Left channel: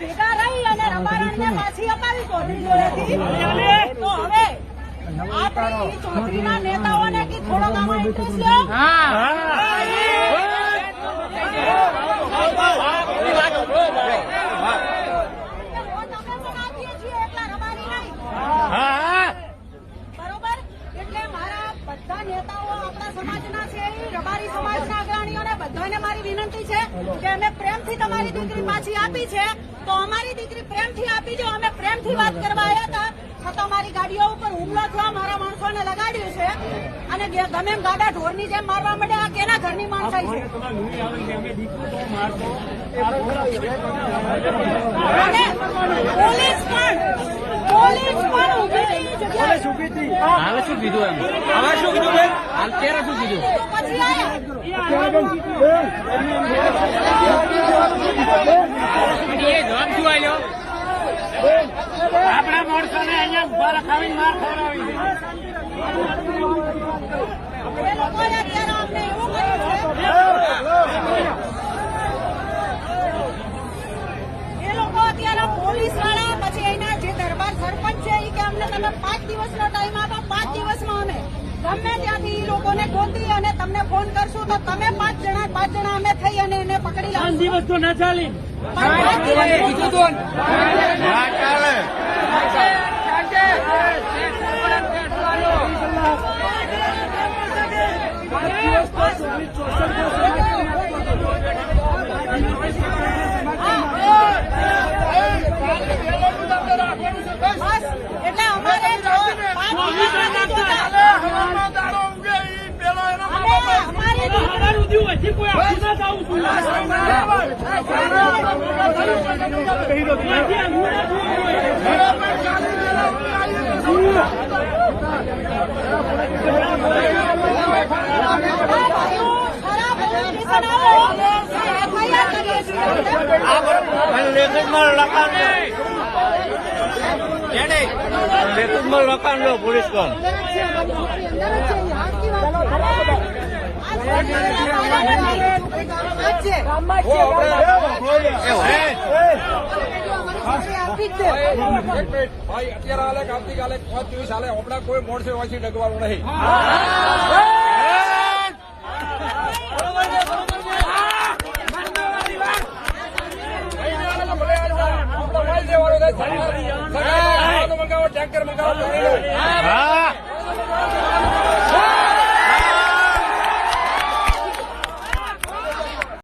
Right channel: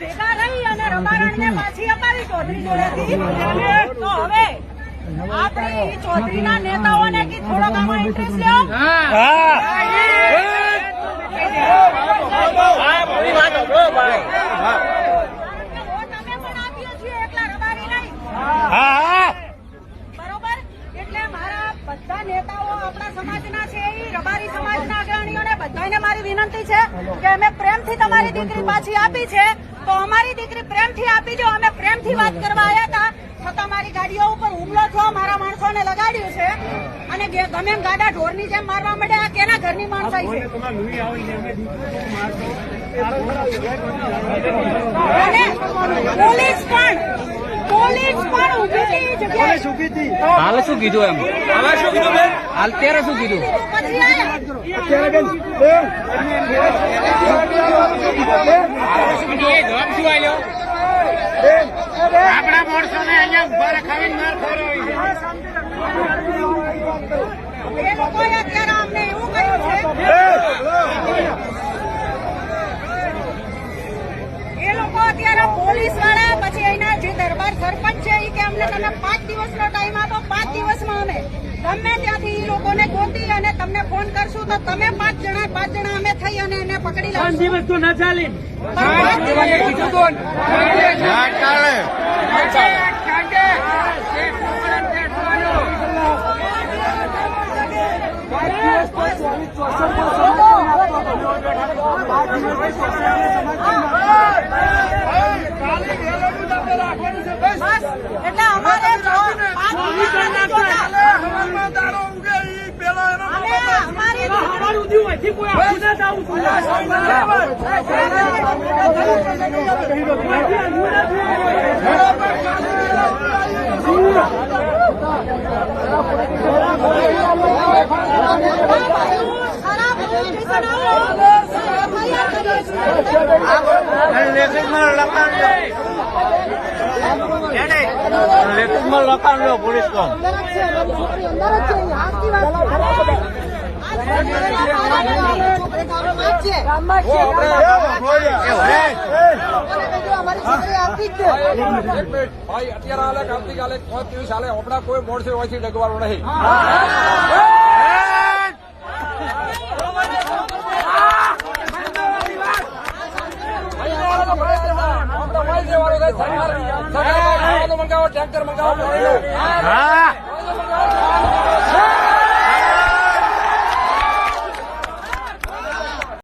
ભેગા રહી અને રબારણને પાછી અપાવી ચૌધરી જોડેથી તો હવે આપણે ચૌધરીના નેતાઓને કે થોડોક આમાં ઇન્ટરેસ્ટ લ્યો. બધા નેતાઓ આપણા સમાજના છે એ રબારી સમાજના અગ્રણીઓને બધાને મારી વિનંતી છે કે અમે પ્રેમથી તમારી દીકરી પાછી આપી છે તો અમારી દીકરી પ્રેમથી આપી જો. અમે પ્રેમથી વાત કરવા આવ્યા હતા છતાં મારી ગાડીઓ ઉપર હુમલો થયો, મારા માણસોને લગાડ્યું છે અને ગમે એમ ગાડા ઢોરની જેમ મારવા માંડ્યા. કેના ઘરની માણસાઈ છે? અને પોલીસ પણ ઉભી જગ્યાએ હાલ શું કીધું એમ? હાલ અત્યારે શું કીધું? જવાબ શું આવ્યો? આપણા માણસો ને અહીંયા ઉભા રખાવીને માર ખવડાવી એ લોકોએ અત્યારે અમને એવું કહ્યું છે એ લોકો અત્યારે પોલીસ વાળા પછી એના જે દરબાર સરપંચ છે એ કે અમને તમે 5 દિવસનો ટાઈમ આપો, 5 દિવસમાં અમે ગમે ત્યાંથી એ લોકોને ગોતી અને તમને ફોન કરશું તો તમે 5 જણા અમે થઈ અને એને પકડી લાવશું. 5 દિવસ તો ના ચાલે. એટલે અમારે લખાણ લો પોલીસ કો ભાઈ અત્યારે હાલે આવતીકાલે 5 દિવસ હાલે હમણાં કોઈ મોડસે હોયથી ડગવાનું નહીં. સરકાર મંગાવો, ટેન્કર મંગાવો પાણીનું.